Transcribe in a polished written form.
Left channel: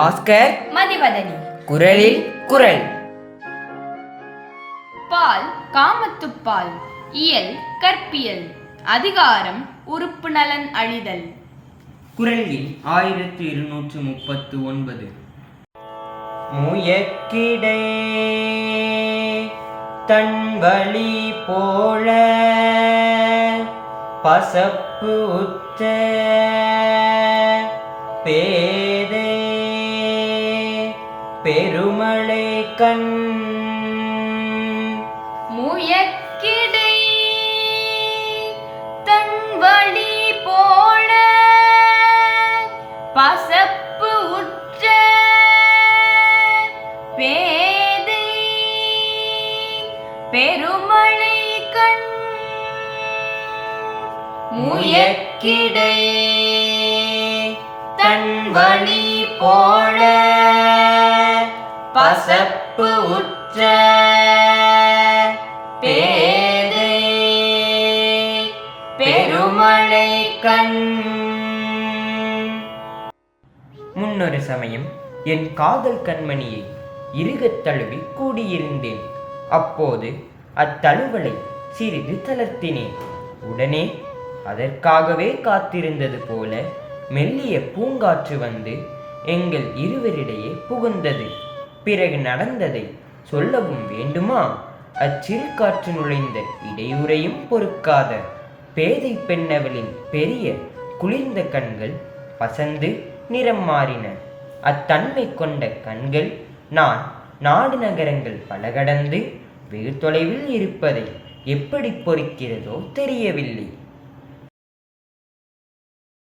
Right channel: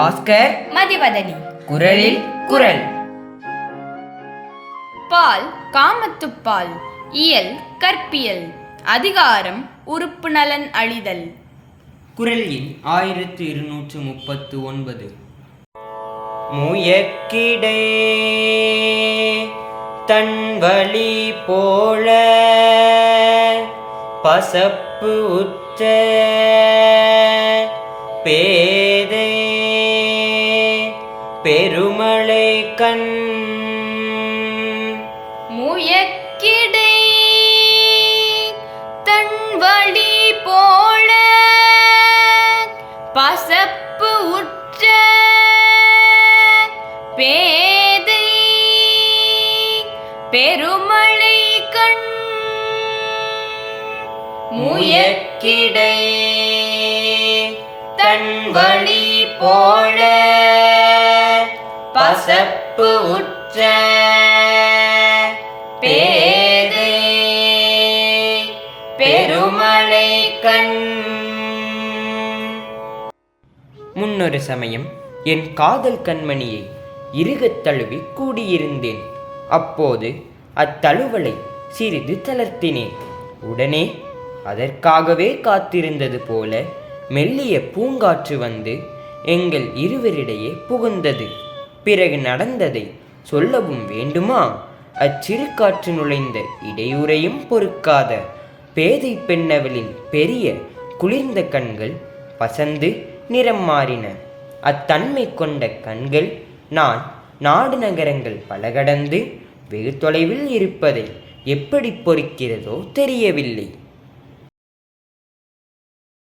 பாஸ்கர் மதிவதனி. குரலில் குரல். பால் காமத்துப்பால். இயல் கற்பியல். அதிகாரம் உறுப்பு நலன் அழிதல். குரல் எண் 1239. முயக்கிடை தன் வழி போல பசப்பு உற்ற பேதை பெருமழை கண். முயக்கிடை தன் வழி போல பசப்பு உற்ற பேதை பெருமழை கண். முயக்கிடை தன் வழி போல பசப்பு உற்ற பேதை பெருமழை கண். முன்னொரு சமயம் என் காதல் கண்மணியை இறுகத் தழுவி கூடியிருந்தேன். அப்போது அத்தழுவலை சிறிது தளர்த்தினேன். உடனே அதற்காகவே காத்திருந்தது போல மெல்லிய பூங்காற்று வந்து எங்கள் இருவரிடையே புகுந்தது. பிறகு நடந்ததை சொல்லவும் வேண்டுமா? அச்சிறு காற்று நுழைந்த இடையூறையும் பொறுக்காத பேதை பெண்ணவளின் பெரிய குளிர்ந்த கண்கள் பசந்து நிறம் மாறின. அத்தன்மை கொண்ட கண்கள் நான் நாடு நகரங்கள் பல கடந்து வெகு தொலைவில் இருப்பதை எப்படி பொறுக்கிறதோ தெரியவில்லை.